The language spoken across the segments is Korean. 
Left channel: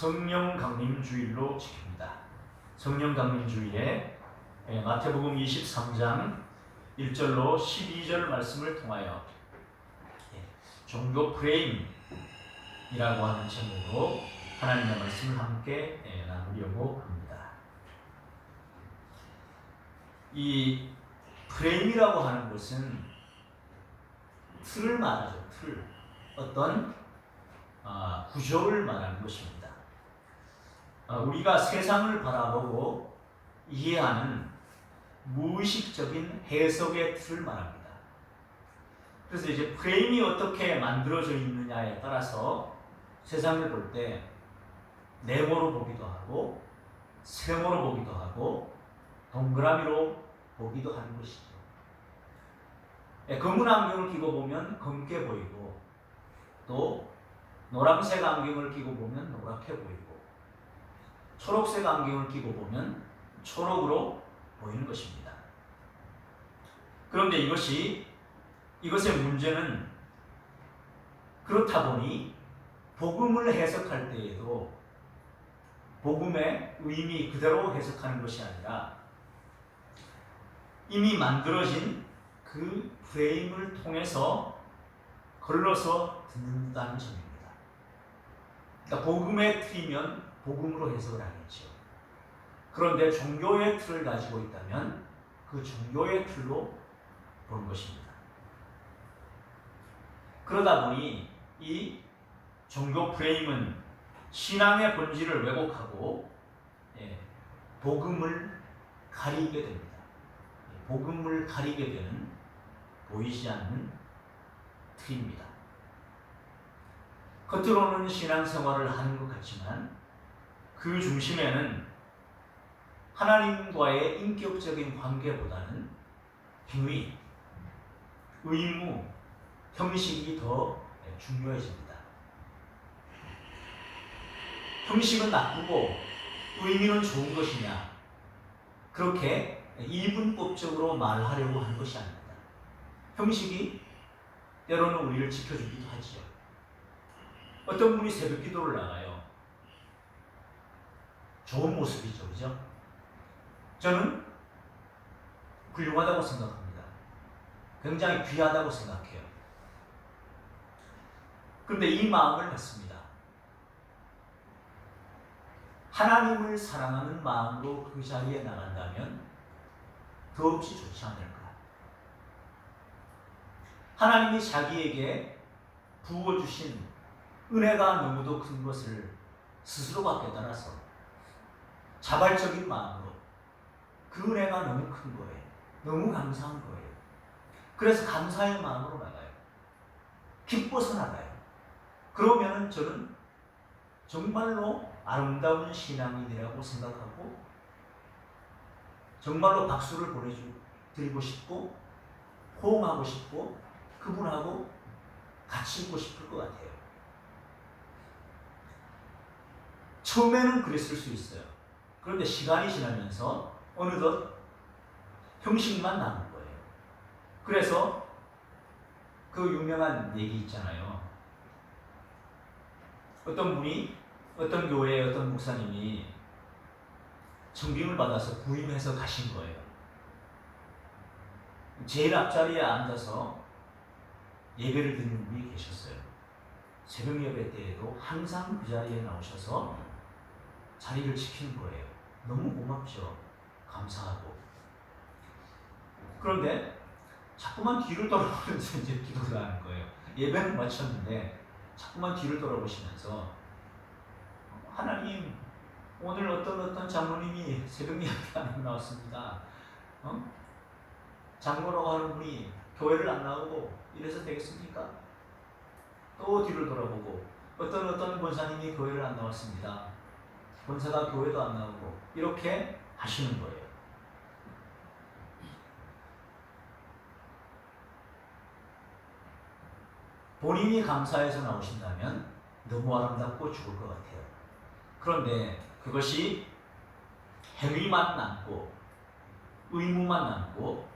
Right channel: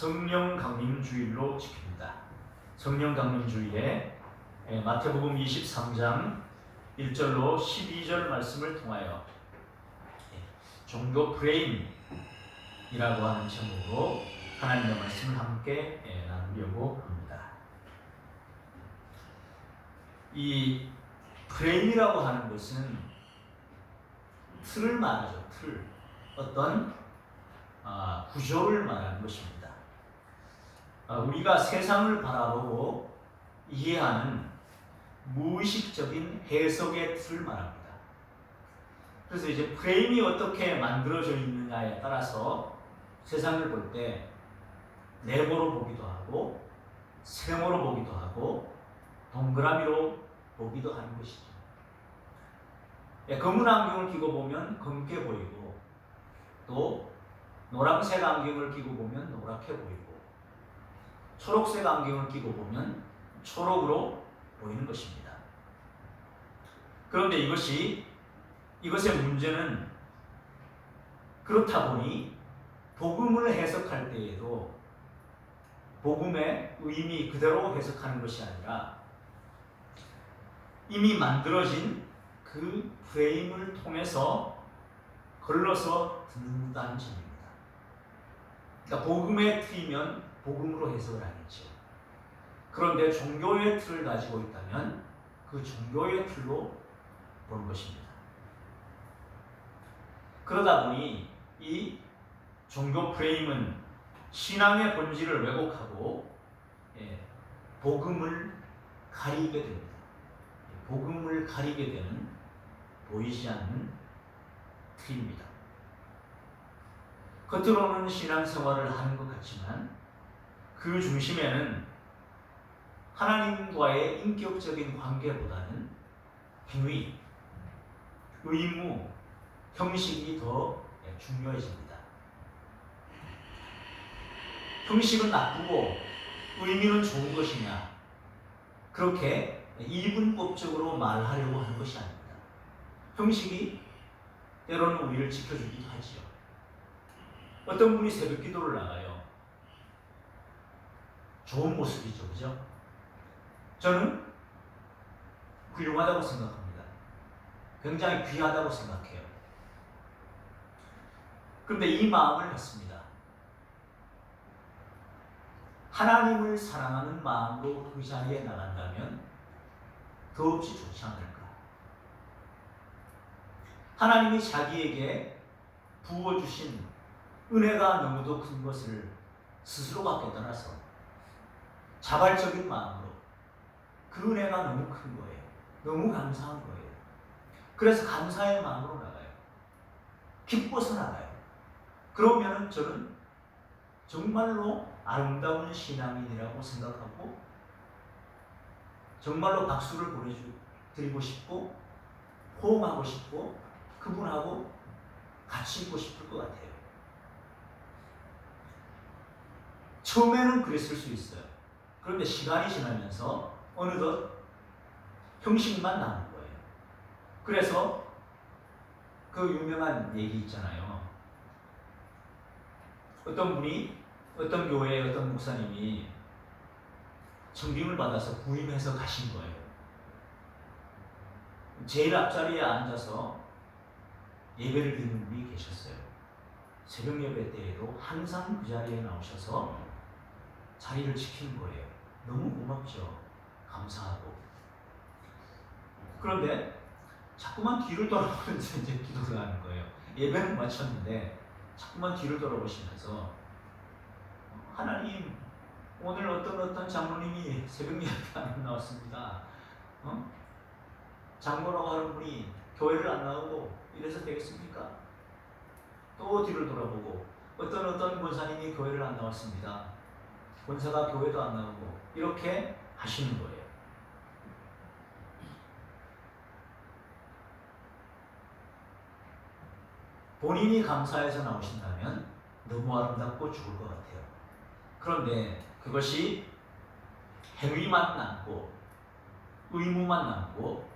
성령 강림주일로 지킵니다. 성령 강림주일에 마태복음 23장 1절로 12절 말씀을 통하여 종교 프레임이라고 하는 제목으로 하나님의 말씀을 함께 나누려고 합니다. 이 프레임이라고 하는 것은 틀을 말하죠. 틀. 어떤 구조를 말하는 것입니다. 우리가 세상을 바라보고 이해하는 무의식적인 해석의 틀을 말합니다. 그래서 이제 프레임이 어떻게 만들어져 있느냐에 따라서 세상을 볼 때 네모로 보기도 하고 세모로 보기도 하고 동그라미로 보기도 하는 것이죠. 검은 안경을 끼고 보면 검게 보이고 또 노란색 안경을 끼고 보면 노랗게 보이고 초록색 안경을 끼고 보면 초록으로 보이는 것입니다. 그런데 이것의 문제는 그렇다 보니 복음을 해석할 때에도 복음의 의미 그대로 해석하는 것이 아니라 이미 만들어진 그 프레임을 통해서 걸러서 듣는다는 점입니다. 그러니까 복음의 틀이면 복음으로 해석을 하겠죠. 그런데 종교의 틀을 가지고 있다면 그 종교의 틀로 보는 것입니다. 그러다 보니 이 종교 프레임은 신앙의 본질을 왜곡하고 복음을 가리게 됩니다. 복음을 가리게 되는 보이지 않는 틀입니다. 겉으로는 신앙생활을 하는 것 같지만 그 중심에는 하나님과의 인격적인 관계보다는 행위, 의무, 형식이 더 중요해집니다. 형식은 나쁘고 의미는 좋은 것이냐, 그렇게 이분법적으로 말하려고 하는 것이 아닙니다. 형식이 때로는 우리를 지켜주기도 하지요. 어떤 분이 새벽 기도를 나가요. 좋은 모습이죠, 그죠? 저는 훌륭하다고 생각합니다. 굉장히 귀하다고 생각해요. 그런데 이 마음을 갖습니다. 하나님을 사랑하는 마음으로 그 자리에 나간다면 더없이 좋지 않을까? 하나님이 자기에게 부어주신 은혜가 너무도 큰 것을 스스로가 깨달아서 자발적인 마음으로 그 은혜가 너무 큰 거예요. 너무 감사한 거예요. 그래서 감사의 마음으로 나가요. 기뻐서 나가요. 그러면 저는 정말로 아름다운 신앙인이라고 생각하고 정말로 박수를 보내드리고 싶고 호응하고 싶고 그분하고 같이 있고 싶을 것 같아요. 처음에는 그랬을 수 있어요. 그런데 시간이 지나면서 어느덧 형식만 남은 거예요. 그래서 그 유명한 얘기 있잖아요. 어떤 분이 어떤 교회의 어떤 목사님이 청빙을 받아서 부임해서 가신 거예요. 제일 앞자리에 앉아서 예배를 드리는 분이 계셨어요. 새벽 예배 때에도 항상 그 자리에 나오셔서 자리를 지키는 거예요. 너무 고맙죠. 감사하고. 그런데 자꾸만 뒤를 돌아보면서 이제 기도를 하는 거예요. 예배는 마쳤는데 자꾸만 뒤를 돌아보시면서 하나님, 오늘 어떤 장로님이 새벽 예배 안 나왔습니다. 장로라고 하는 분이 교회를 안 나오고 이래서 되겠습니까? 또 뒤를 돌아보고 어떤 권사님이 교회를 안 나왔습니다. 권사가 교회도 안 나오고 이렇게 하시는 거예요. 본인이 감사해서 나오신다면 너무 아름답고 좋을 것 같아요. 그런데 그것이 행위만 남고 의무만 남고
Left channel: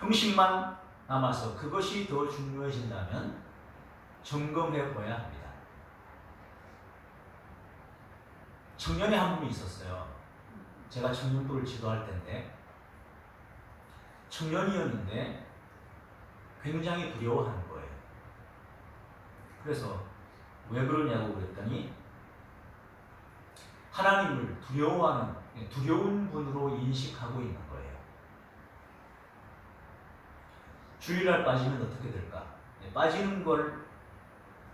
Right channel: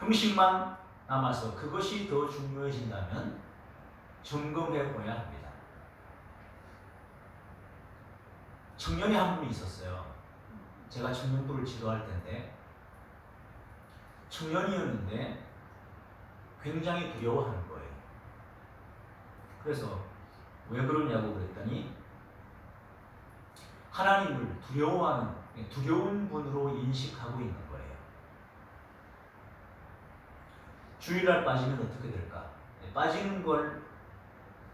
형식만 남아서 그것이 더 중요해진다면 점검해 봐야 합니다. 청년이 한 분이 있었어요. 제가 청년부를 지도할 때인데 청년이었는데 굉장히 두려워하는 거예요. 그래서 왜 그러냐고 그랬더니 하나님을 두려운 분으로 인식하고 있는 거예요. 주일날 빠지면 어떻게 될까? 빠지는 걸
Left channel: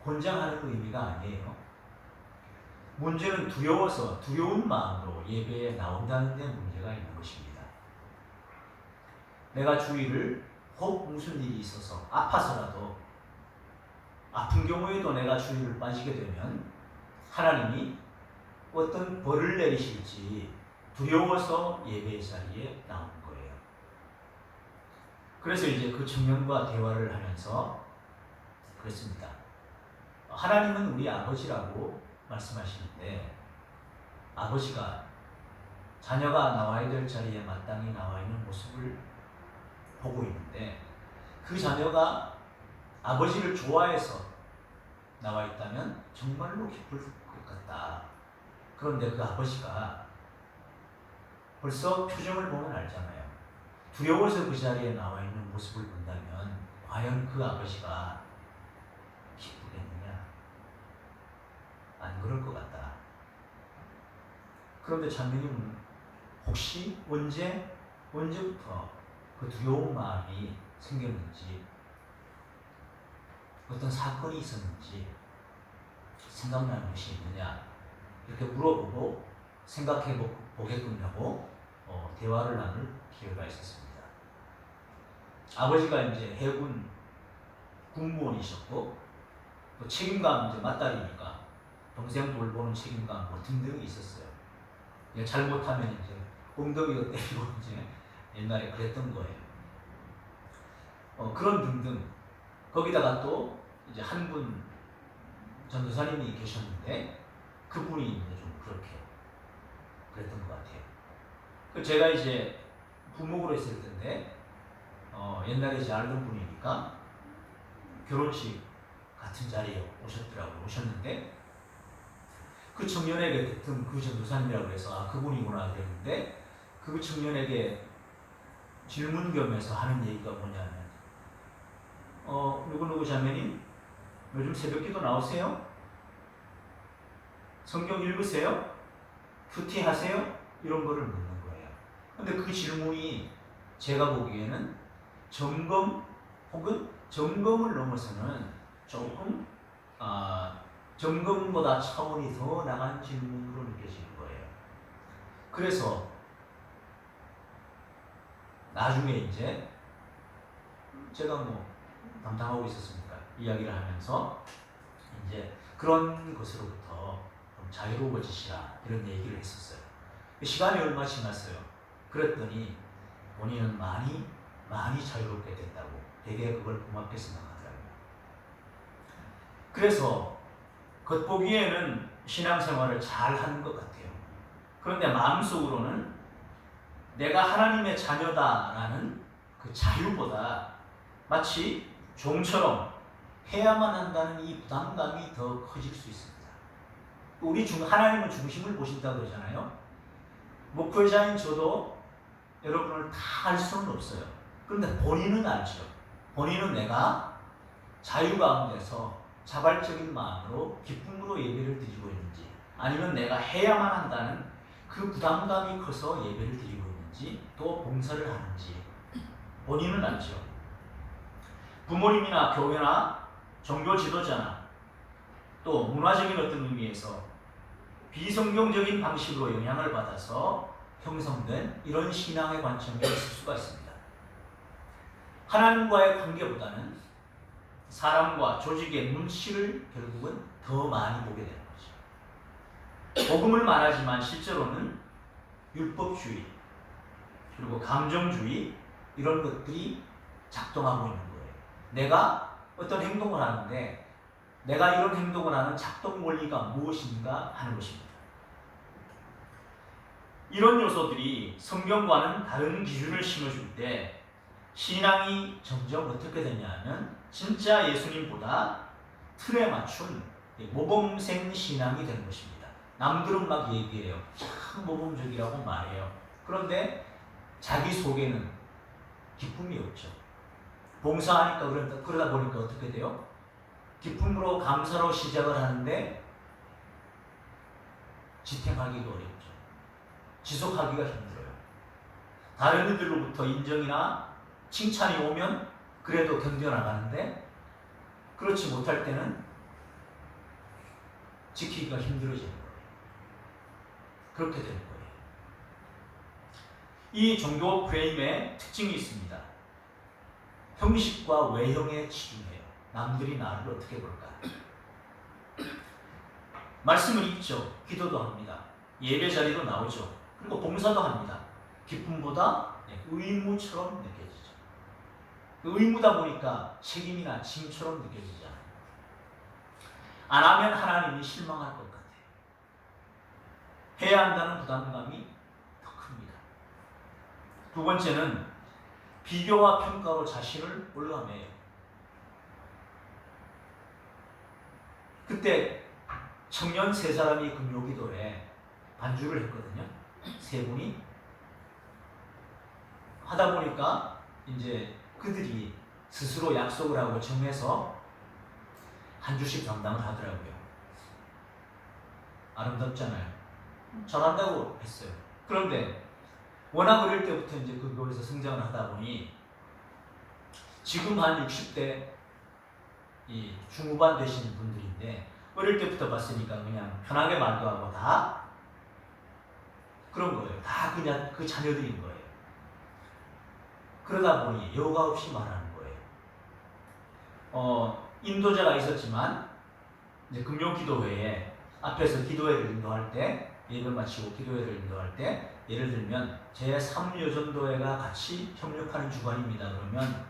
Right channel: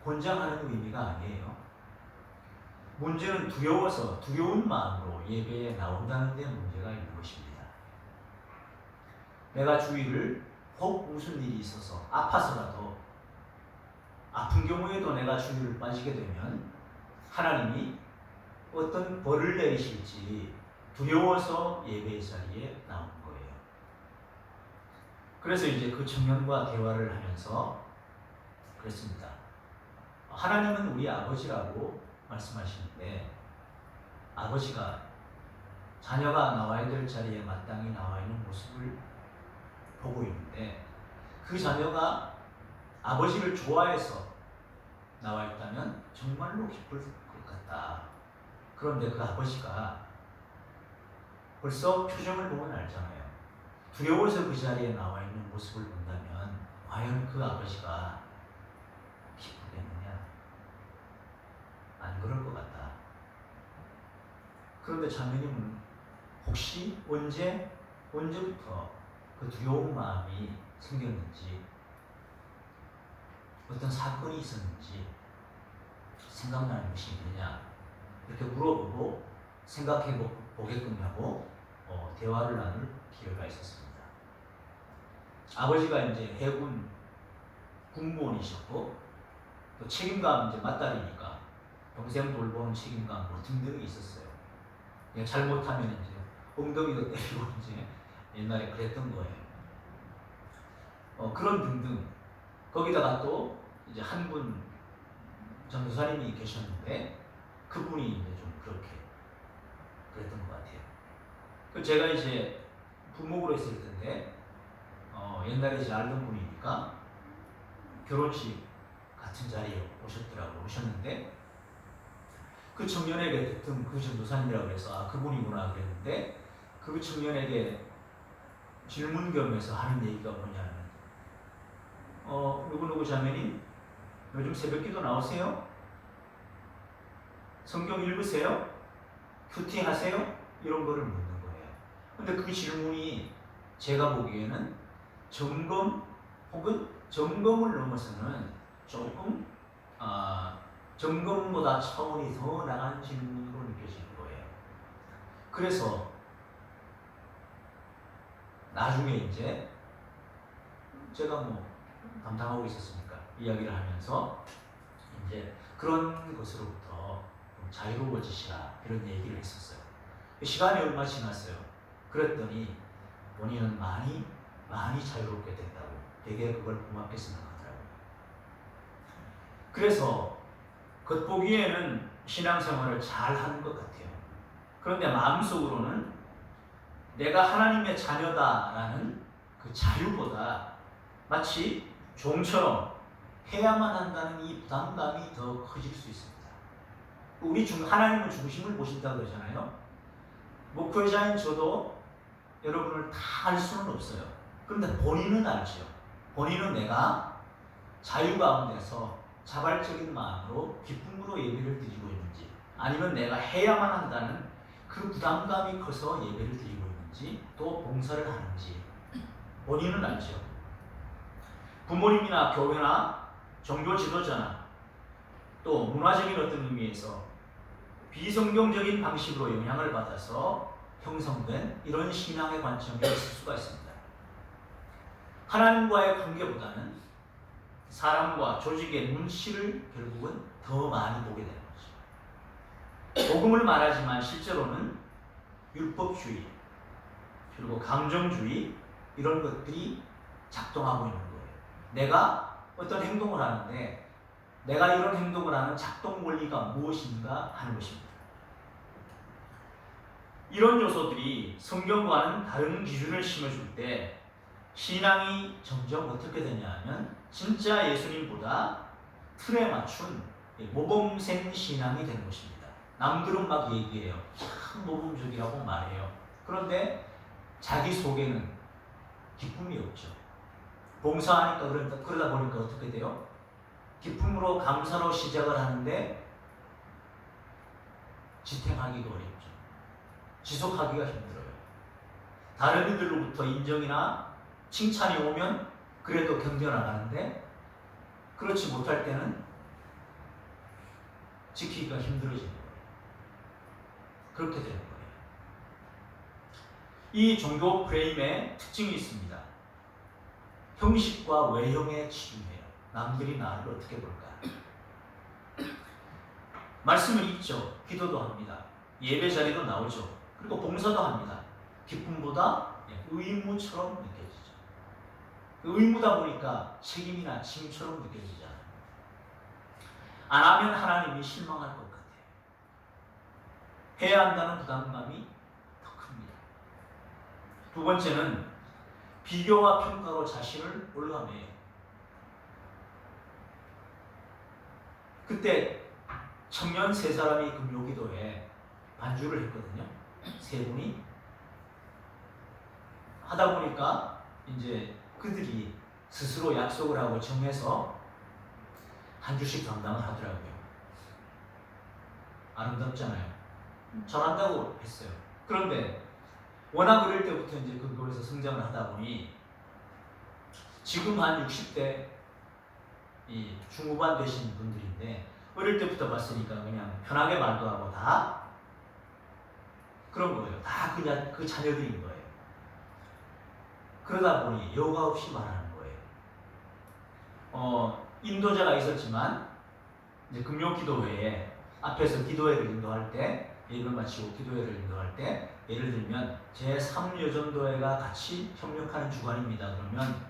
권장하는 의미가 아니에요. 문제는 두려워서 두려운 마음으로 예배에 나온다는 데 문제가 있는 것입니다. 내가 주일을 혹 무슨 일이 있어서 아파서라도 아픈 경우에도 내가 주일을 빠지게 되면 하나님이 어떤 벌을 내리실지 두려워서 예배 자리에 나오는 거예요. 그래서 이제 그 청년과 대화를 하면서 그랬습니다. 하나님은 우리 아버지라고 말씀하시는데 아버지가 자녀가 나와야 될 자리에 마땅히 나와 있는 모습을 보고 있는데 그 자녀가 아버지를 좋아해서 나와 있다면 정말로 기쁠 것 같다. 그런데 그 아버지가 벌써 표정을 보면 알잖아요. 두려워서 그 자리에 나와 있는 모습을 본다면 과연 그 아버지가 기쁘겠느냐? 안 그럴 것 같다. 그런데 장로님은 혹시 언제부터 그 두려운 마음이 생겼는지 어떤 사건이 있었는지 생각나는 것이 있느냐 이렇게 물어보고 생각해 보겠군요 하고 대화를 나눌 기회가 있었습니다. 아버지가 이제 해군 군무원이셨고 또 책임감 이제 맞다리니까 동생 돌보는 책임감 뭐 등등이 있었어요. 잘못하면 이제 엉덩이도 때리고 이제 옛날에 그랬던 거예요. 그런 등등. 거기다가 또 이제 한 분 전도사님이 계셨는데 그분이 이제 좀 그렇게 그랬던 것 같아요. 제가 이제 부목으로 했을 텐데 옛날에 이제 알던 분이니까 결혼식 같은 자리에 오셨는데 그 청년에게 그랬던 그 전도사님이라고 해서 그분이구나 그랬는데 그 청년에게 질문 겸해서 하는 얘기가 뭐냐면 누구누구 자매님 요즘 새벽기도 나오세요? 성경 읽으세요? 큐티 하세요? 이런 거를 묻는 거예요. 근데 그 질문이 제가 보기에는 점검 혹은 점검을 넘어서는 조금 점검보다 차원이 더 나간 질문으로 느껴지는 거예요. 그래서 나중에 이제 제가 뭐 담당하고 있었으니까 이야기를 하면서 이제 그런 것으로부터 좀 자유로워지시라 이런 얘기를 했었어요. 시간이 얼마 지났어요. 그랬더니 본인은 많이 자유롭게 됐다고 되게 그걸 고맙게 생각하더라고요. 그래서 겉보기에는 신앙생활을 잘 하는 것 같아요. 그런데 마음속으로는 내가 하나님의 자녀다라는 그 자유보다 마치 종처럼 해야만 한다는 이 부담감이 더 커질 수 있습니다. 하나님은 중심을 보신다고 그러잖아요. 목회자인 저도 여러분을 다 알 수는 없어요. 그런데 본인은 알죠. 본인은 내가 자유 가운데서 자발적인 마음으로 기쁨으로 예배를 드리고 있는지 아니면 내가 해야만 한다는 그 부담감이 커서 예배를 드리고 있는지 또 봉사를 하는지 본인은 알죠. 부모님이나 교회나 종교 지도자나 또 문화적인 어떤 의미에서 비성경적인 방식으로 영향을 받아서 형성된 이런 신앙의 관점이 있을 수가 있습니다. 하나님과의 관계보다는 사람과 조직의 눈치를 결국은 더 많이 보게 되는 거죠. 복음을 말하지만 실제로는 율법주의 그리고 감정주의 이런 것들이 작동하고 있는 거예요. 내가 어떤 행동을 하는데 내가 이런 행동을 하는 작동 원리가 무엇인가 하는 것입니다. 이런 요소들이 성경과는 다른 기준을 심어줄 때 신앙이 점점 어떻게 되냐 하면 진짜 예수님보다 틀에 맞춘 모범생 신앙이 되는 것입니다. 남들은 막 얘기해요. 참 모범적이라고 말해요. 그런데 자기 속에는 기쁨이 없죠. 봉사하니까 그러다 보니까 어떻게 돼요? 기쁨으로 감사로 시작을 하는데 지탱하기가 어렵죠. 지속하기가 힘들어요. 다른 이들로부터 인정이나 칭찬이 오면 그래도 견뎌나가는데 그렇지 못할 때는 지키기가 힘들어지는 거예요. 그렇게 되는 거예요. 이 종교 프레임의 특징이 있습니다. 형식과 외형에 치중해요. 남들이 나를 어떻게 볼까? 말씀을 읽죠. 기도도 합니다. 예배 자리도 나오죠. 그리고 봉사도 합니다. 기쁨보다 의무처럼 느껴지죠. 의무다 보니까 책임이나 짐처럼 느껴지잖아요. 안 하면 하나님이 실망할 것 같아요. 해야 한다는 부담감이 더 큽니다. 두 번째는 비교와 평가로 자신을 올라매요. 그때 청년 세 사람이 금요기도에 반주를 했거든요. 세 분이 하다 보니까 이제 그들이 스스로 약속을 하고 정해서 한 주씩 감당을 하더라고요. 아름답잖아요. 잘한다고 했어요. 그런데 워낙 어릴 때부터 이제 그 교회에서 성장을 하다 보니 지금 한 60대 이 중후반 되신 분들인데 어릴 때부터 봤으니까 그냥 편하게 말도 하고 다 그런 거예요. 다 그냥 그 자녀들인 거예요. 그러다 보니 여과 없이 말하는 거예요. 인도자가 있었지만 이제 금요기도회에 앞에서 기도회를 인도할 때 예배를 마치고 기도회를 인도할 때 예를 들면 제3여전도회가 같이 협력하는 주간입니다. 그러면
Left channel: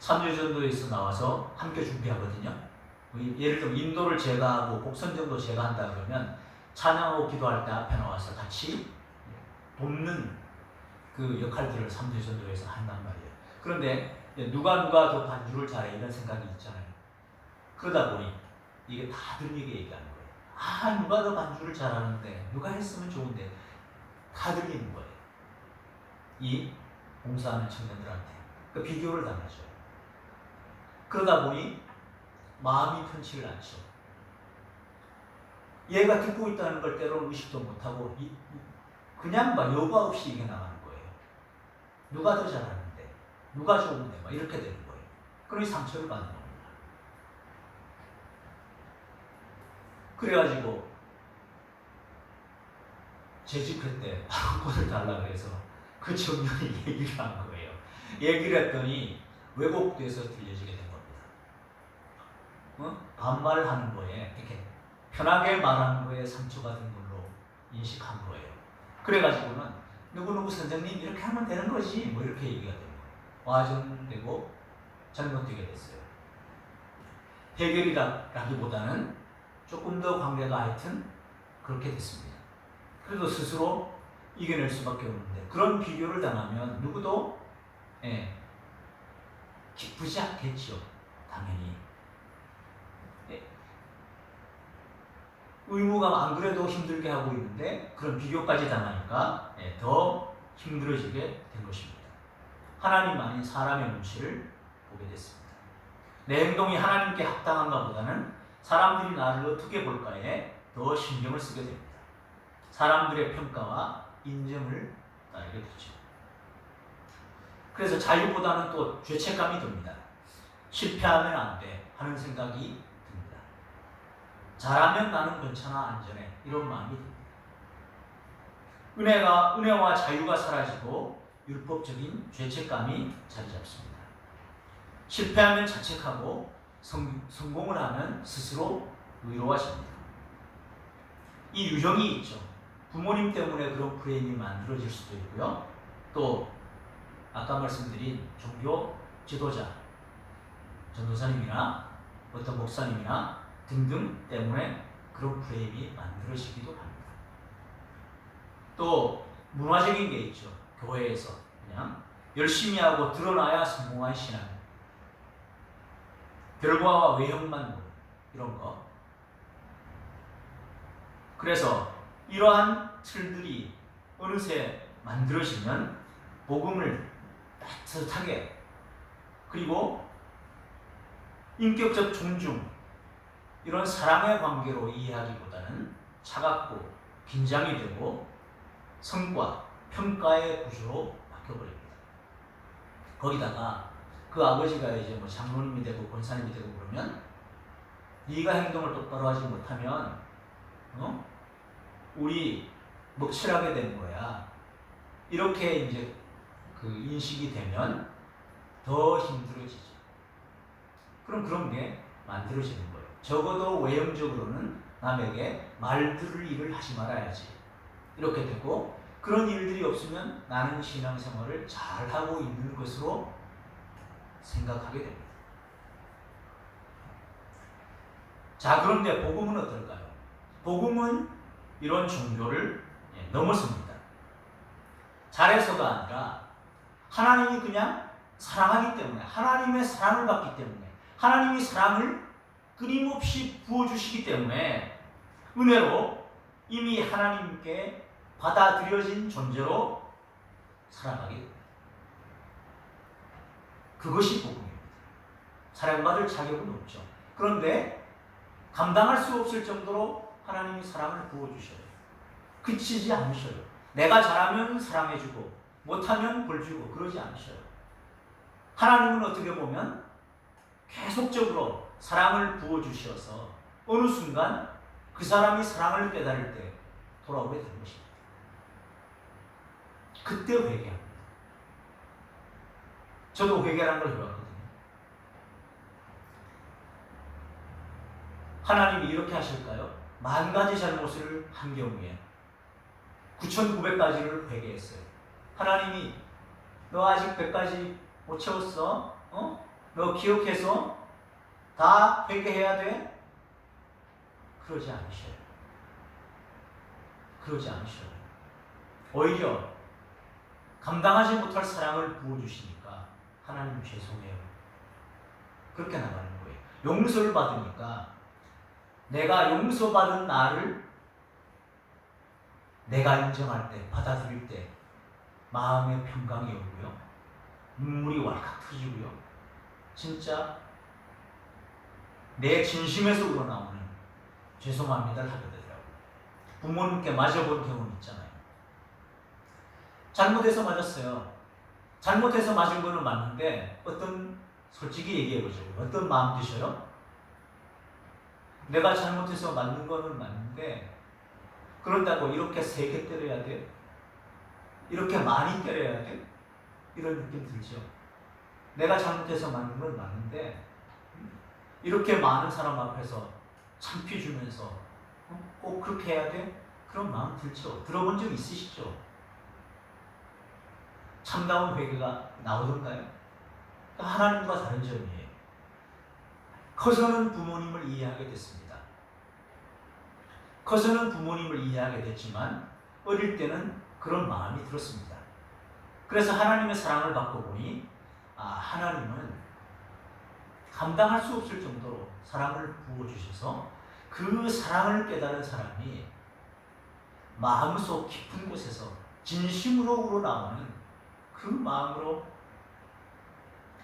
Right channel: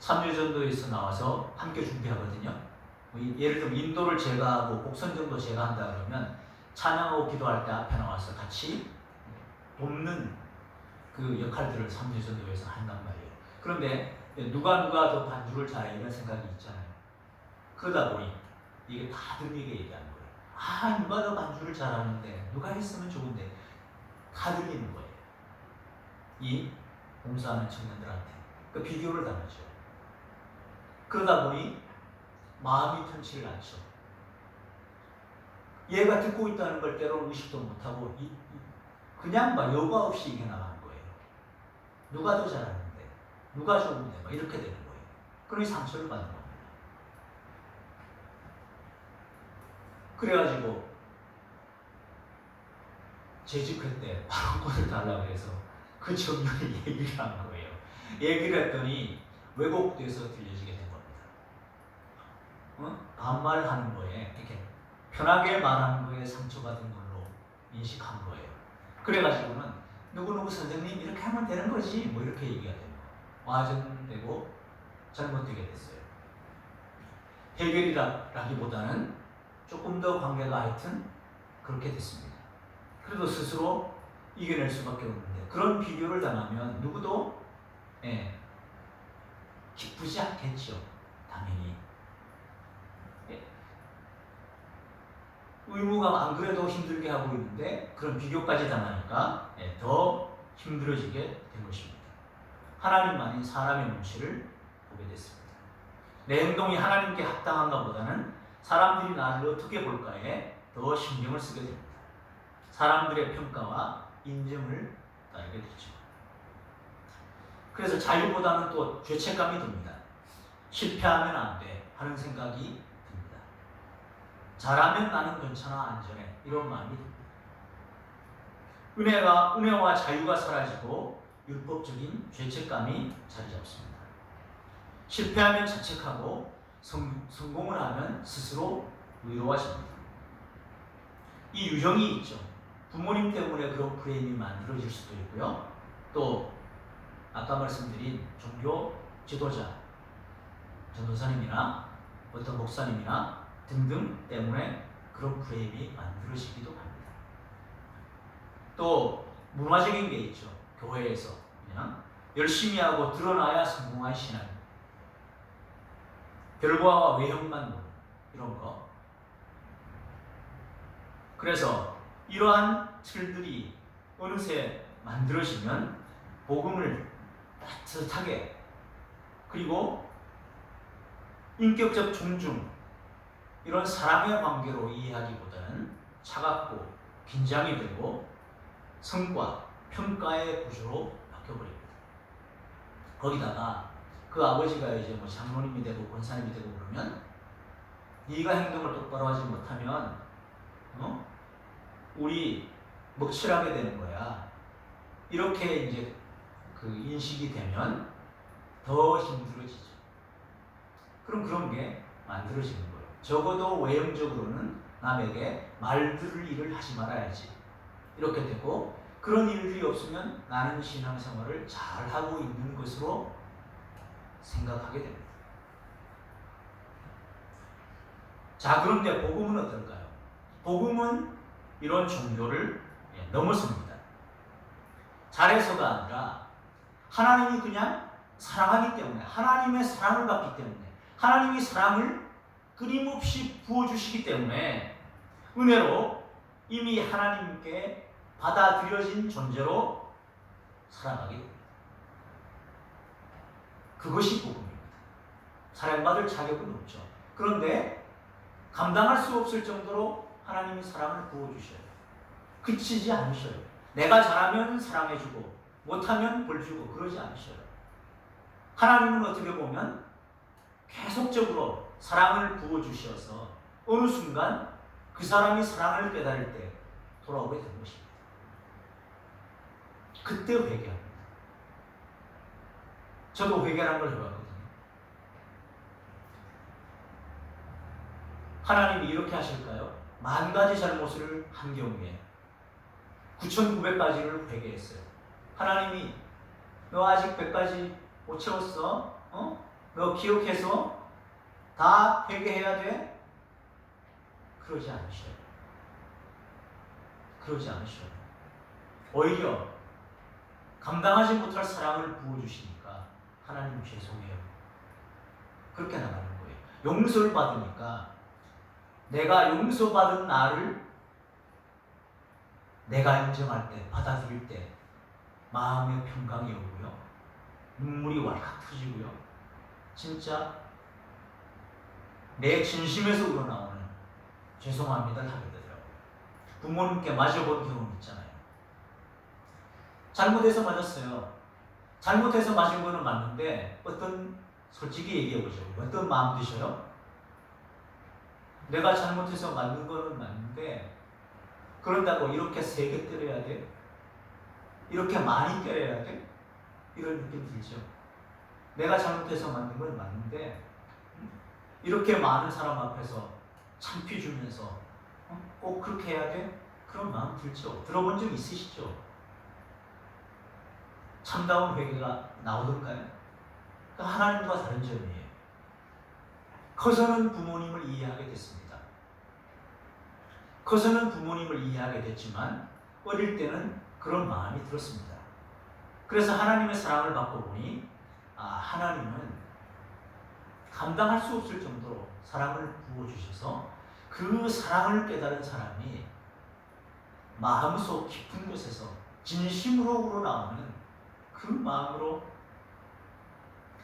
3여전도회에서 나와서 함께 준비하거든요. 예를 들면 인도를 제가 하고 곡선정도 제가 한다 그러면 찬양하고 기도할 때 앞에 나와서 같이 돕는 그 역할들을 3여전도회에서 한단 말이에요. 그런데 누가 더 반주를 잘해 이런 생각이 있잖아요. 그러다 보니 이게 다들 이게 얘기하는 거예요. 아, 누가 더 반주를 잘하는데 누가 했으면 좋은데 다 들리는 거예요. 이 봉사하는 청년들한테 그 비교를 당하죠. 그러다 보니 마음이 편치를 않죠. 얘가 듣고 있다는 걸 때로는 의식도 못하고 그냥 막 여과 없이 이게 나가는 거예요. 누가 더 잘하는데 누가 좋은데 막 이렇게 되는 거예요. 그러니 상처를 받는 겁니다. 그래가지고 재직할 때 방언을 달라고 해서 그 청년이 얘기를 한 거예요. 얘기를 했더니 왜곡돼서 들려지게 된 겁니다. 반말을 하는 거에 이렇게 편하게 말하는 거에 상처받은 걸로 인식한 거예요. 그래가지고는 누구누구 선생님 이렇게 하면 되는 거지 뭐 이렇게 얘기가 됩니다. 와전되고 잘못되게 됐어요. 해결이라기보다는 조금 더 관계가 하여튼 그렇게 됐습니다. 그래도 스스로 이겨낼 수밖에 없는데 그런 비교를 당하면 누구도 기쁘지 않겠죠. 당연히. 의무가 안 그래도 힘들게 하고 있는데 그런 비교까지 당하니까 더 힘들어지게 된 것입니다. 하나님 아닌 사람의 눈치를 보게 됐습니다. 내 행동이 하나님께 합당한가 보다는 사람들이 나를 어떻게 볼까에 더 신경을 쓰게 됩니다. 사람들의 평가와 인정을 따르게 되죠. 그래서 자유보다는 또 죄책감이 듭니다. 실패하면 안 돼 하는 생각이 듭니다. 잘하면 나는 괜찮아 안전해 이런 마음이 듭니다. 은혜와 자유가 사라지고 율법적인 죄책감이 자리 잡습니다. 실패하면 자책하고 성공을 하면 스스로 의로하십니다. 이 유형이 있죠. 부모님 때문에 그런 프레임이 만들어질 수도 있고요. 또 아까 말씀드린 종교 지도자, 전도사님이나 어떤 목사님이나 등등 때문에 그런 프레임이 만들어지기도 합니다. 또 문화적인 게 있죠. 교회에서 그냥 열심히 하고 드러나야 성공한 신앙, 결과와 외형만 보는 이런 거. 그래서 이러한 틀들이 어느새 만들어지면 복음을 따뜻하게 그리고 인격적 존중 이런 사랑의 관계로 이해하기보다는 차갑고 긴장이 되고 성과, 평가의 구조로 바뀌어버립니다. 거기다가 그 아버지가 이제 뭐 장로님이 되고 권사님이 되고 그러면 네가 행동을 똑바로 하지 못하면 우리 먹칠하게 되는 거야. 이렇게 이제 그 인식이 되면 더 힘들어지죠. 그럼 그런 게 만들어지는 거예요. 적어도 외형적으로는 남에게 말들을 일을 하지 말아야지. 이렇게 되고 그런 일들이 없으면 나는 신앙생활을 잘하고 있는 것으로 생각하게 됩니다. 자, 그런데 복음은 어떨까요? 복음은 이런 종교를 넘어섭니다. 잘해서가 아니라 하나님이 그냥 사랑하기 때문에 하나님의 사랑을 받기 때문에 하나님이 사랑을 끊임없이 부어주시기 때문에 은혜로 이미 하나님께 받아들여진 존재로 살아가게 됩니다. 그것이 복음입니다. 사랑받을 자격은 없죠. 그런데 감당할 수 없을 정도로 하나님이 사랑을 부어주셔요. 그치지 않으셔요. 내가 잘하면 사랑해주고 못하면 벌주고 그러지 않으셔요. 하나님은 어떻게 보면 계속적으로 사랑을 부어주셔서 어느 순간 그 사람이 사랑을 깨달을 때 돌아오게 되는 것입니다. 그때 회개합니다. 저도 회개라는 걸 해봤거든요. 하나님이 이렇게 하실까요? 10,000가지 잘못을 한 경우에 9,900가지를 회개했어요. 하나님이 너 아직 100가지 못 채웠어? 너 기억해서 다 회개해야 돼? 그러지 않으셔요. 그러지 않으셔요. 오히려 감당하지 못할 사랑을 부어주시니까 하나님 죄송해요. 그렇게 나가는 거예요. 용서를 받으니까 내가 용서받은 나를 내가 인정할 때, 받아들일 때 마음의 평강이 오고요. 눈물이 왈칵 터지고요. 진짜 내 진심에서 우러나오는 죄송합니다를 하게 되더라고요. 부모님께 맞아본 경험 있잖아요. 잘못해서 맞았어요. 잘못해서 맞은 거는 맞는데 솔직히 얘기해보죠. 어떤 마음 드셔요? 내가 잘못해서 맞는 거는 맞는데 그런다고 이렇게 세게 때려야 돼? 이렇게 많이 때려야 돼? 이런 느낌 들죠. 내가 잘못해서 맞는 건 맞는데 이렇게 많은 사람 앞에서 창피 주면서 꼭 그렇게 해야 돼? 그런 마음 들죠. 들어본 적 있으시죠? 참다운 회개가 나오던가요? 하나님과 다른 점이에요. 커서는 부모님을 이해하게 됐습니다. 커서는 부모님을 이해하게 됐지만 어릴 때는 그런 마음이 들었습니다. 그래서 하나님의 사랑을 받고 보니 하나님은 감당할 수 없을 정도로 사랑을 부어주셔서 그 사랑을 깨달은 사람이 마음속 깊은 곳에서 진심으로 우러나오는 그 마음으로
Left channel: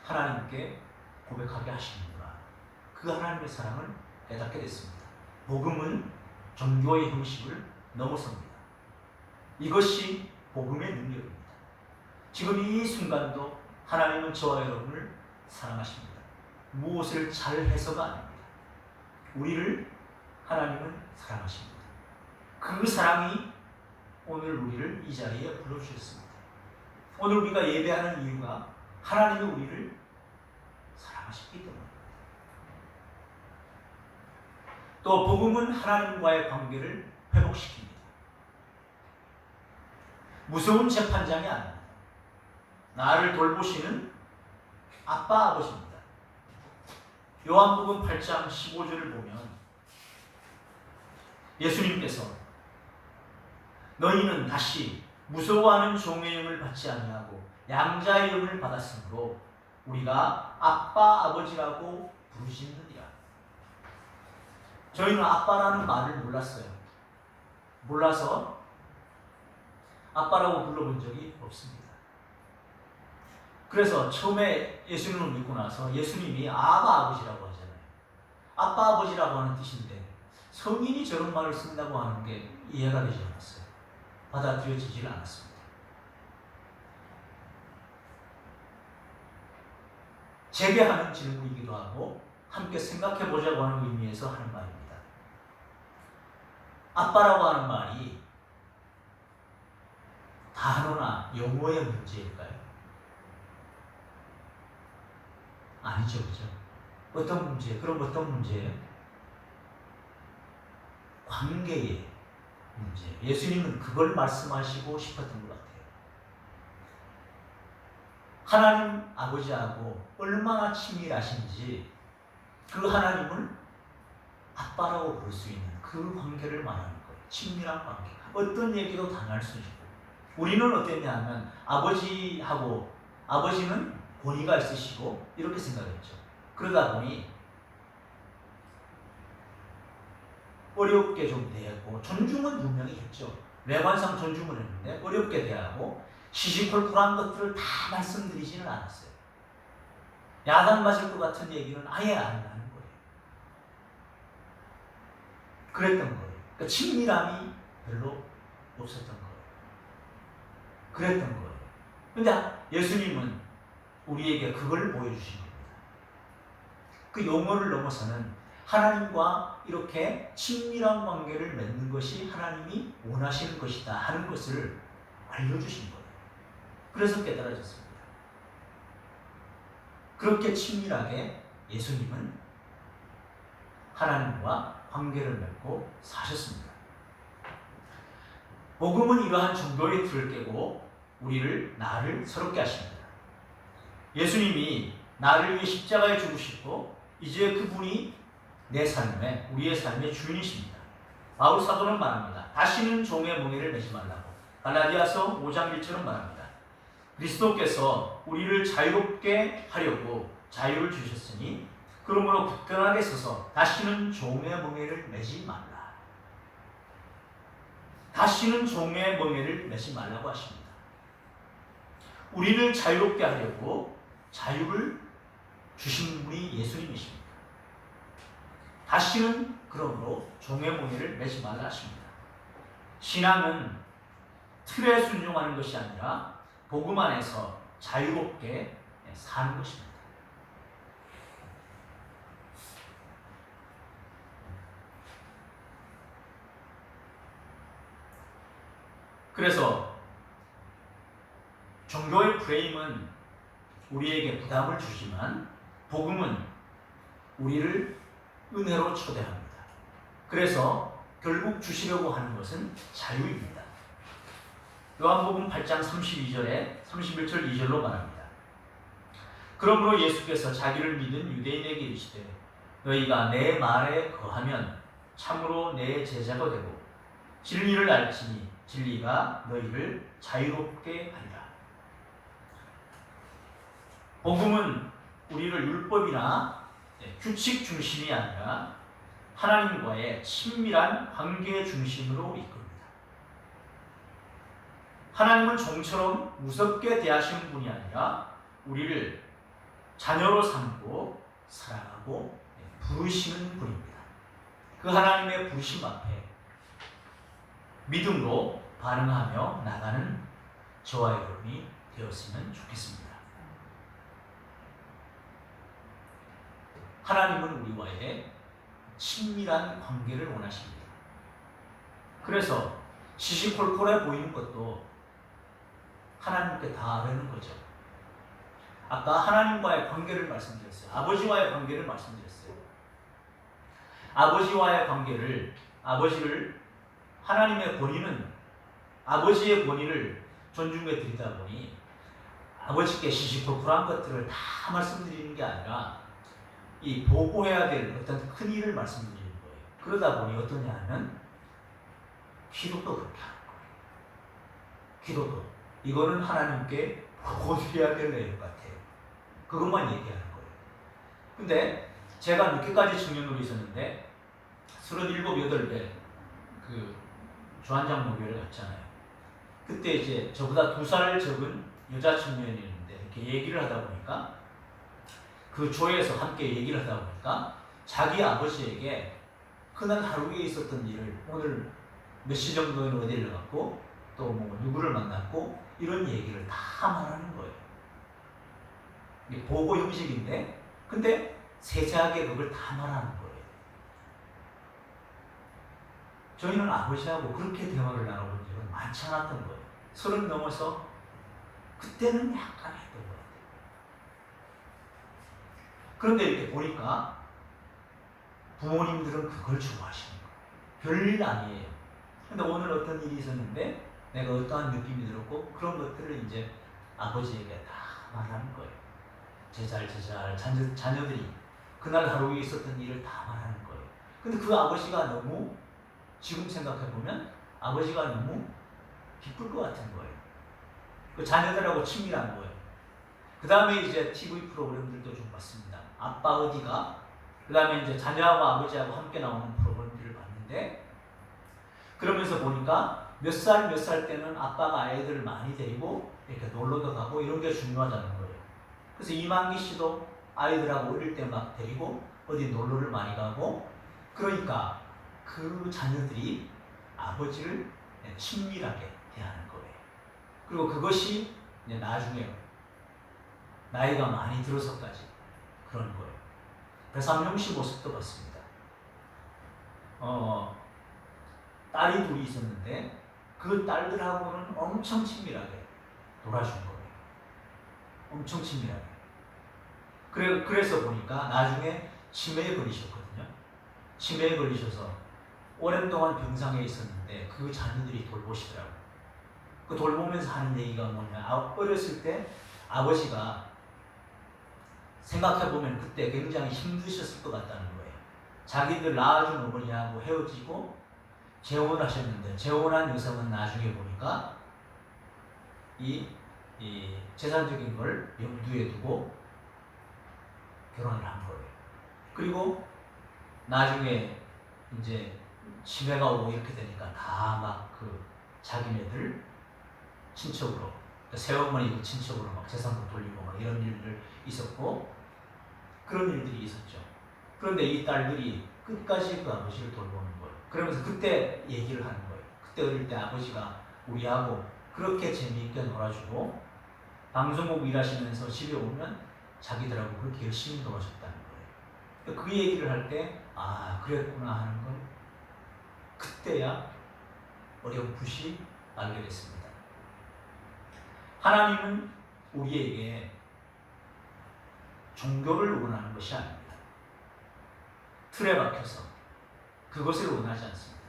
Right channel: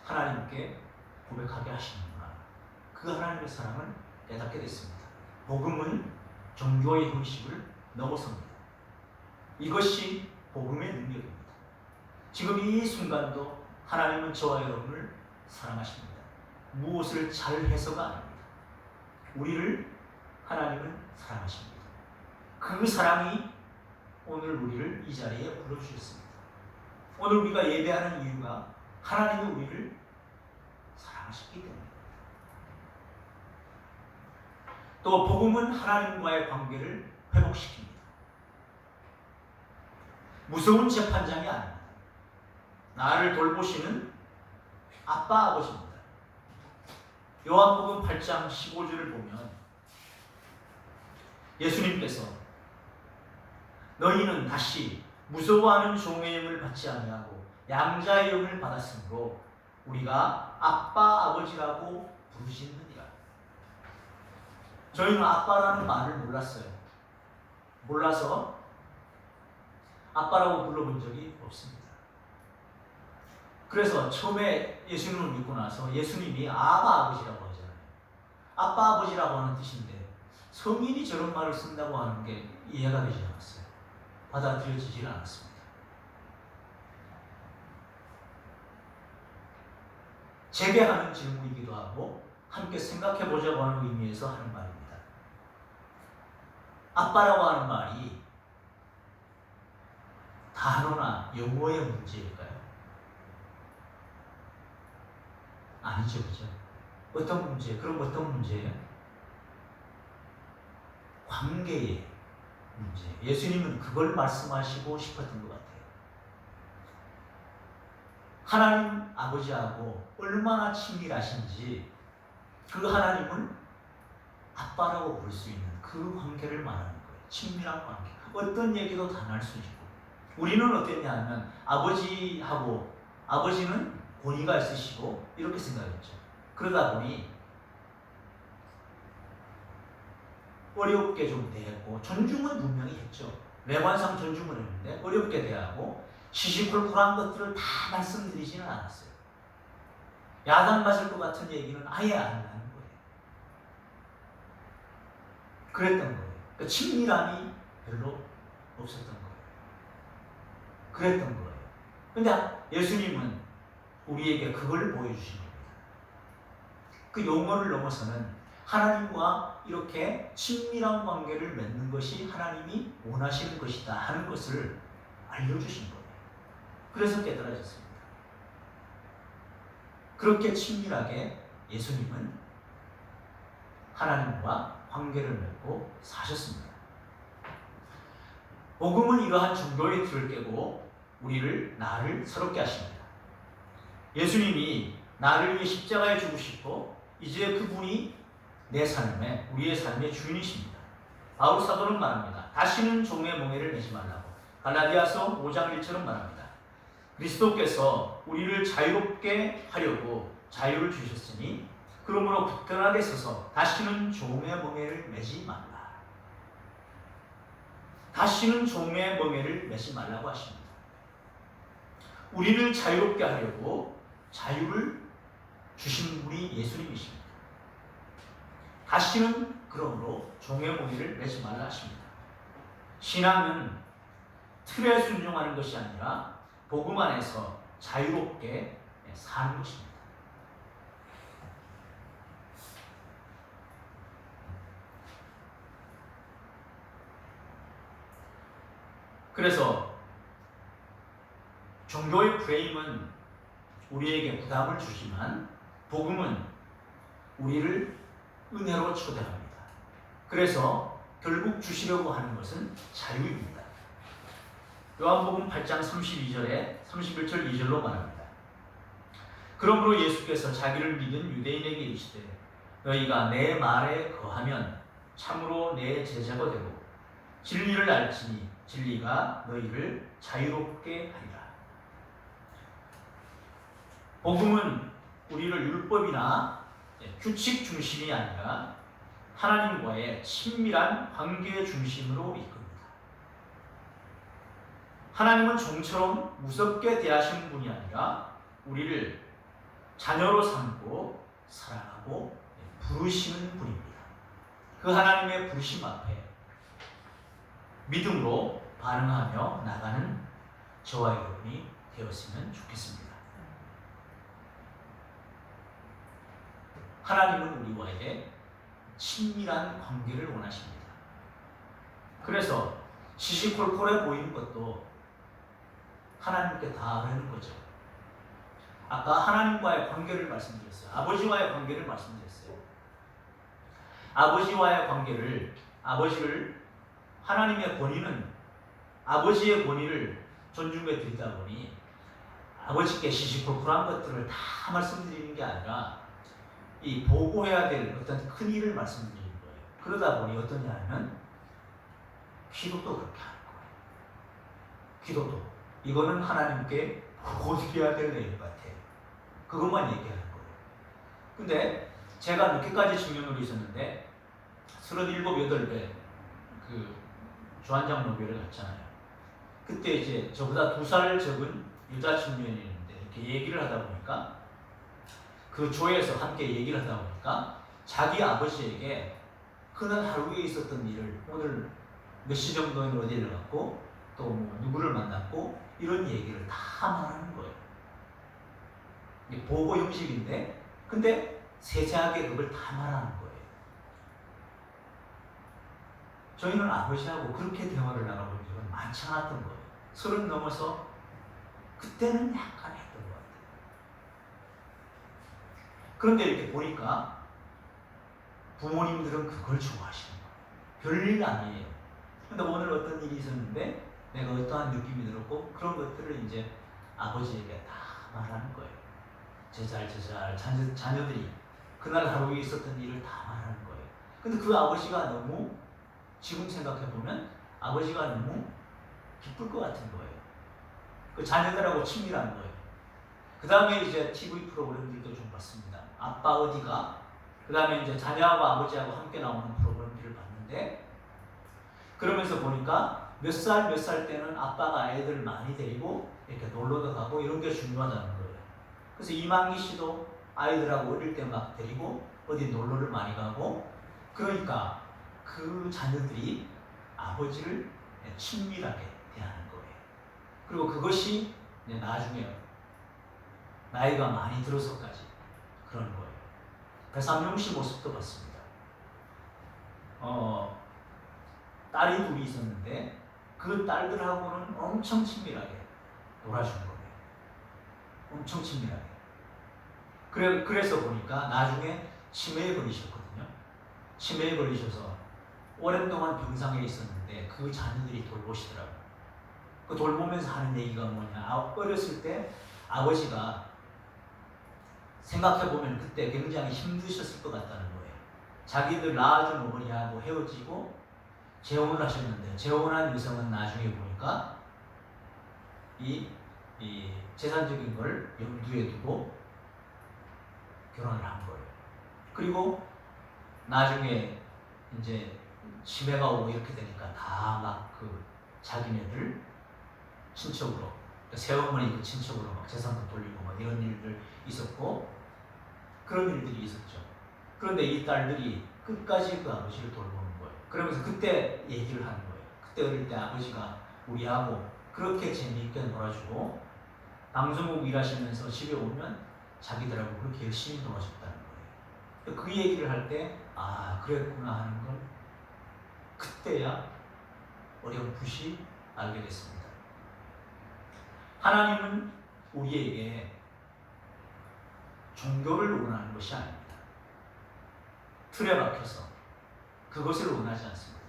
하나님께 고백하게 하시는구나. 그 하나님의 사랑을 깨닫게 됐습니다. 복음은 종교의 형식을 넘어섭니다. 이것이 복음의 능력입니다. 지금 이 순간도 하나님은 저와 여러분을 사랑하십니다. 무엇을 잘해서가 아닙니다. 우리를 하나님은 사랑하십니다. 그 사랑이 오늘 우리를 이 자리에 불러주셨습니다. 오늘 우리가 예배하는 이유가 하나님이 우리를 사랑하셨기 때문입니다. 또 복음은 하나님과의 관계를 회복시킵니다. 무서운 재판장이 아닙니다. 나를 돌보시는 아빠 아버지입니다. 요한복음 8장 15절을 보면 예수님께서 너희는 다시 무서워하는 종의 영을 받지 아니하고 양자의 영을 받았으므로 우리가 아빠 아버지라고 부르시느니라. 저희는 아빠라는 말을 몰랐어요. 몰라서 아빠라고 불러본 적이 없습니다. 그래서 처음에 예수님을 믿고 나서 예수님이 아버지라고 하잖아요. 아빠 아버지라고 하는 뜻인데 성인이 저런 말을 쓴다고 하는 게 이해가 되지 않았어요. 받아들여지질 않았습니다. 재개하는 질문이기도 하고 함께 생각해보자고 하는 의미에서 하는 말입니다. 아빠라고 하는 말이 단어나 용어의 문제일까요? 아니죠, 그죠? 어떤 문제? 그럼 어떤 문제예요? 관계의 문제. 예수님은 그걸 말씀하시고 싶었던 것 같아요. 하나님 아버지하고 얼마나 친밀하신지 그 하나님을 아빠라고 부를 수 있는 그 관계를 말하는 거예요. 친밀한 관계. 어떤 얘기도 다 날 수 있고. 우리는 어땠냐 하면 아버지는 권위가 있으시고 이렇게 생각했죠. 그러다 보니 어렵게 좀 대하고 존중은 분명히 했죠. 매관상 존중을 했는데 어렵게 대하고 시시콜콜한 것들을 다 말씀드리지는 않았어요. 야단 맞을 것 같은 얘기는 아예 안 하는 거예요. 그랬던 거예요. 그러니까 친밀함이 별로 없었던 거예요. 그랬던 거예요. 근데 예수님은 우리에게 그걸 보여주신 겁니다. 그 용어를 넘어서는 하나님과 이렇게 친밀한 관계를 맺는 것이 하나님이 원하시는 것이다 하는 것을 알려주신 거예요. 그래서 깨달아졌습니다. 그렇게 친밀하게 예수님은 하나님과 관계를 맺고 사셨습니다. 복음은 이러한 종교의 틀을 깨고 나를 새롭게 하십니다. 예수님이 나를 위해 십자가에 죽으시고 이제 그분이 우리의 삶의 주인이십니다. 바울 사도는 말합니다. 다시는 종의 멍에를 매지 말라고. 갈라디아서 5장 1절은 말합니다. 그리스도께서 우리를 자유롭게 하려고 자유를 주셨으니 그러므로 굳건하게 서서 다시는 종의 멍에를 매지 말라. 다시는 종의 멍에를 매지 말라고 하십니다. 우리를 자유롭게 하려고 자유를 주신 분이 예수님이십니다. 다시는 그러므로 종의 멍에를 매지 말라 하십니다. 신앙은 틀에 순종하는 것이 아니라 복음 안에서 자유롭게 사는 것입니다. 그래서 종교의 프레임은 우리에게 부담을 주지만 복음은 우리를 은혜로 초대합니다. 그래서 결국 주시려고 하는 것은 자유입니다. 요한복음 8장 32절에 31절 2절로 말합니다. 그러므로 예수께서 자기를 믿은 유대인에게 이르시되 너희가 내 말에 거하면 참으로 내 제자가 되고 진리를 알지니 진리가 너희를 자유롭게 하리라. 복음은 우리를 율법이나 규칙 중심이 아니라 하나님과의 친밀한 관계 중심으로 이끕니다. 하나님은 종처럼 무섭게 대하시는 분이 아니라 우리를 자녀로 삼고 사랑하고 부르시는 분입니다. 그 하나님의 부르심 앞에 믿음으로 반응하며 나가는 저와 여러분이 되었으면 좋겠습니다. 하나님은 우리와의 친밀한 관계를 원하십니다. 그래서 시시콜콜해 보이는 것도 하나님께 다 하는 거죠. 아까 하나님과의 관계를 말씀드렸어요. 아버지와의 관계를 말씀드렸어요. 아버지를 하나님의 권위는 아버지의 권위를 존중해 드리다 보니 아버지께 시시콜콜한 것들을 다 말씀드리는 게 아니라 이 보고해야 될 어떤 큰 일을 말씀드리는 거예요. 그러다 보니 어떠냐 하면 기도도 그렇게 하는 거예요. 기도도 이거는 하나님께 보고드려야 될 내용 같아요. 그것만 얘기하는 거예요. 근데 제가 늦게까지 청년으로 있었는데 37, 8배 그 주한장로교를 갔잖아요. 그때 이제 저보다 2살 적은 여자 청년이 있는데 이렇게 얘기를 하다 보니까 그 조에서 함께 얘기를 하다 보니까 자기 아버지에게 그날 하루에 있었던 일을 오늘 몇 시 정도는 어디를 갔고 또 뭐 누구를 만났고 이런 얘기를 다 말하는 거예요. 이게 보고 형식인데 근데 세세하게 그걸 다 말하는 거예요. 저희는 아버지하고 그렇게 대화를 나눠본 적은 많지 않았던 거예요. 30 넘어서 그때는 약간 했던 것 같아요. 그런데 이렇게 보니까 부모님들은 그걸 좋아하시는 거예요. 별일 아니에요. 근데 오늘 어떤 일이 있었는데 내가 어떠한 느낌이 들었고 그런 것들을 이제 아버지에게 다 말하는 거예요. 제잘 자녀들이 그날 하루에 있었던 일을 다 말하는 거예요. 근데 그 아버지가 너무 지금 생각해 보면 아버지가 너무 기쁠 것 같은 거예요. 그 자녀들하고 친밀한 거예요. 그 다음에 이제 TV 프로그램들도 좀 봤습니다. 아빠 어디가? 그 다음에 이제 자녀하고 아버지하고 함께 나오는 프로그램들을 봤는데 그러면서 보니까 몇 살 때는 아빠가 아이들을 많이 데리고 이렇게 놀러도 가고 이런 게 중요하다는 거예요. 그래서 이만기 씨도 아이들하고 어릴 때 막 데리고 어디 놀러를 많이 가고 그러니까 그 자녀들이 아버지를 친밀하게 대하는 거예요. 그리고 그것이 이제 나중에 나이가 많이 들어서까지 그런 거예요. 배삼룡 씨 모습도 봤습니다. 딸이 2 있었는데 그 딸들하고는 엄청 친밀하게 놀아주는 거예요. 엄청 친밀하게. 그래서 보니까 나중에 치매에 걸리셨거든요. 치매에 걸리셔서 오랜 동안 병상에 있었는데 그 자녀들이 돌보시더라고요. 그 돌보면서 하는 얘기가 뭐냐. 어렸을 때 아버지가 생각해보면 그때 굉장히 힘드셨을 것 같다는 거예요. 자기들 낳아준 어머니하고 헤어지고 재혼을 하셨는데 재혼한 여성은 나중에 보니까 이 재산적인 걸 염두에 두고 결혼을 한 거예요. 그리고 나중에 이제 치매가 오고 이렇게 되니까 다 막 그 자기네들 친척으로 새어머니 그 친척으로 막 재산도 돌리고 막 이런 일들 있었고 그런 일들이 있었죠. 그런데 이 딸들이 끝까지 그 아버지를 돌보는 거예요. 그러면서 그때 얘기를 하는 거예요. 그때 어릴 때 아버지가 우리하고 그렇게 재미있게 놀아주고 방송국 일하시면서 집에 오면 자기들하고 그렇게 열심히 놀아줬다는 거예요. 그 얘기를 할 때 아 그랬구나 하는 걸 그때야 어렴풋이 알게 됐습니다. 하나님은 우리에게 종교를 원하는 것이 아닙니다. 틀에 박혀서 그것을 원하지 않습니다.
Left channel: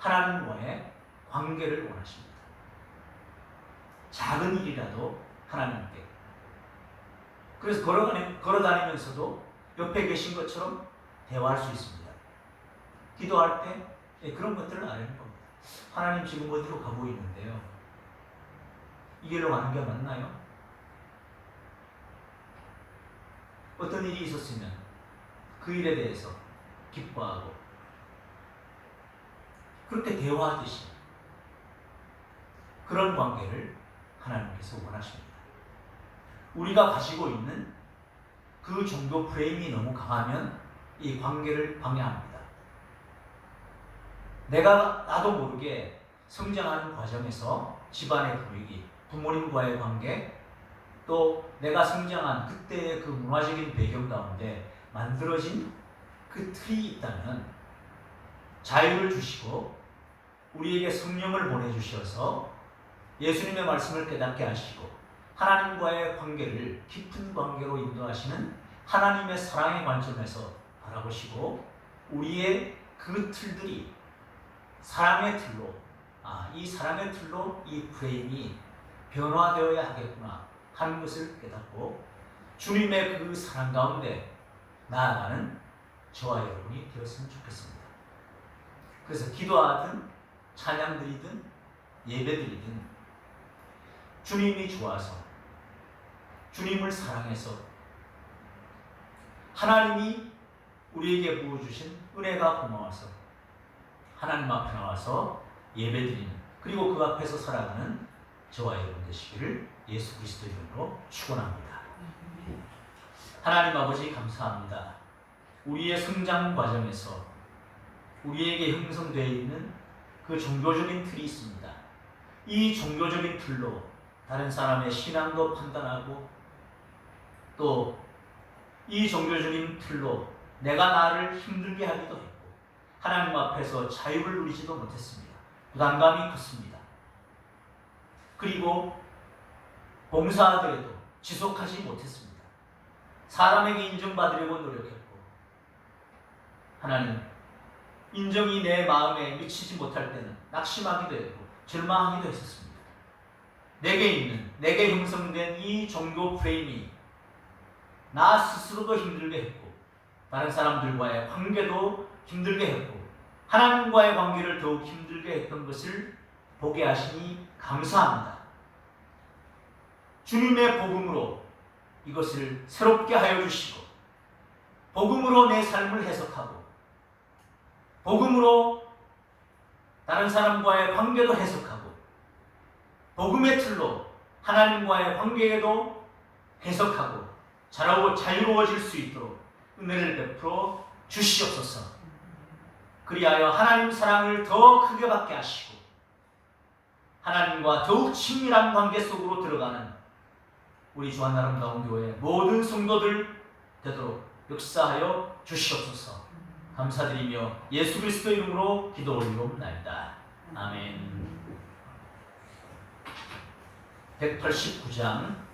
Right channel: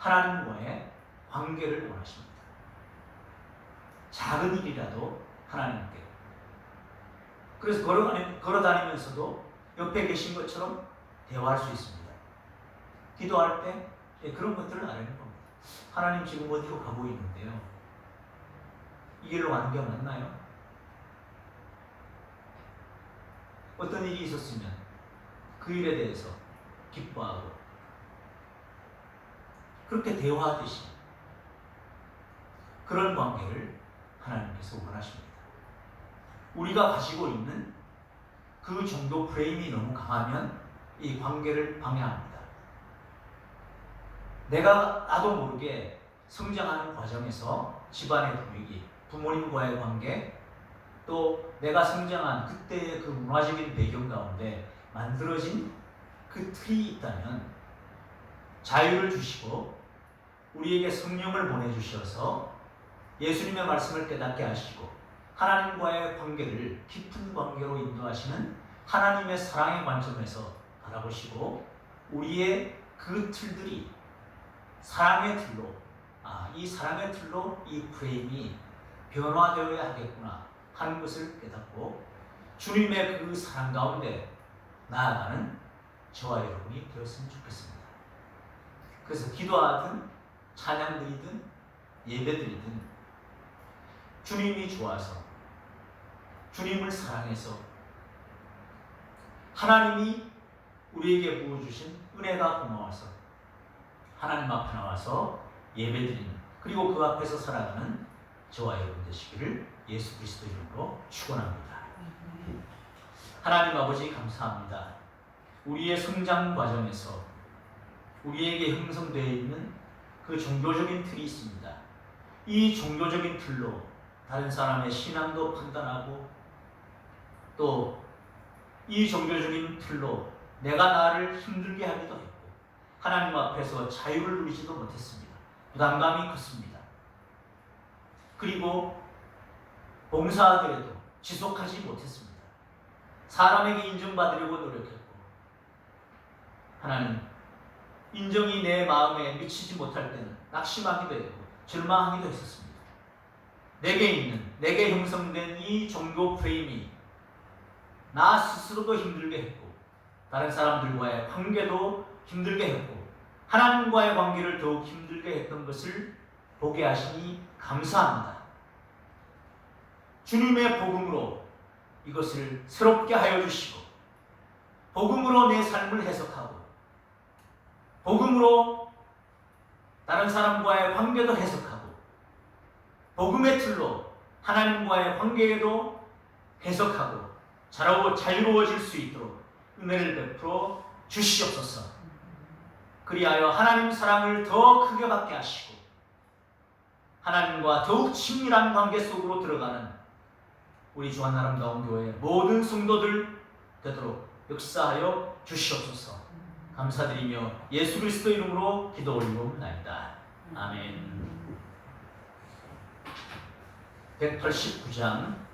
하나님과의 관계를 원하십니다. 작은 일이라도 하나님께. 그래서 걸어다니면서도 옆에 계신 것처럼 대화할 수 있습니다. 기도할 때 그런 것들을 알아내는 겁니다. 하나님 지금 어디로 가고 있는데요. 이 길로 가는 게 맞나요? 어떤 일이 있었으면 그 일에 대해서 기뻐하고 그렇게 대화하듯이 그런 관계를 하나님께서 원하십니다. 우리가 가지고 있는 그 종교 프레임이 너무 강하면 이 관계를 방해합니다. 나도 모르게 성장하는 과정에서 집안의 분위기, 부모님과의 관계, 또 내가 성장한 그때의 그 문화적인 배경 가운데 만들어진 그 틀이 있다면 자유를 주시고 우리에게 성령을 보내주셔서 예수님의 말씀을 깨닫게 하시고 하나님과의 관계를 깊은 관계로 인도하시는 하나님의 사랑의 관점에서 바라보시고 우리의 그 틀들이 사랑의 틀로 이 사랑의 틀로 이 프레임이 변화되어야 하겠구나 하는 것을 깨닫고 주님의 그 사랑 가운데 나아가는 저와 여러분이 되었으면 좋겠습니다. 그래서 기도하든 찬양드리든 예배드리든 주님이 좋아서 주님을 사랑해서 하나님이 우리에게 부어주신 은혜가 고마워서 하나님 앞에 나와서 예배드리는, 그리고 그 앞에서 살아가는 저와 여러분 되시기를 예수 그리스도 이름으로 축원합니다. 하나님 아버지 감사합니다. 우리의 성장 과정에서 우리에게 형성되어 있는 그 종교적인 틀이 있습니다. 이 종교적인 틀로 다른 사람의 신앙도 판단하고, 또 이 종교적인 틀로 내가 나를 힘들게 하기도 했고, 하나님 앞에서 자유를 누리지도 못했습니다. 부담감이 컸습니다. 그리고 봉사하더라도 지속하지 못했습니다. 사람에게 인정받으려고 노력했고, 하나님 인정이 내 마음에 미치지 못할 때는 낙심하기도 했고 절망하기도 했었습니다. 내게 형성된 이 종교 프레임이 나 스스로도 힘들게 했고, 다른 사람들과의 관계도 힘들게 했고, 하나님과의 관계를 더욱 힘들게 했던 것을 보게 하시니 감사합니다. 주님의 복음으로 이것을 새롭게 하여 주시고, 복음으로 내 삶을 해석하고, 복음으로 다른 사람과의 관계도 해석하고, 복음의 틀로 하나님과의 관계에도 해석하고 자유로워질 수 있도록 은혜를 베풀어 주시옵소서. 그리하여 하나님 사랑을 더 크게 받게 하시고, 하나님과 더욱 친밀한 관계 속으로 들어가는 우리 주한 아름다운 교회 모든 성도들 되도록 역사하여 주시옵소서. 감사드리며 예수 그리스도 이름으로 기도 올리옵나이다. 아멘. 189장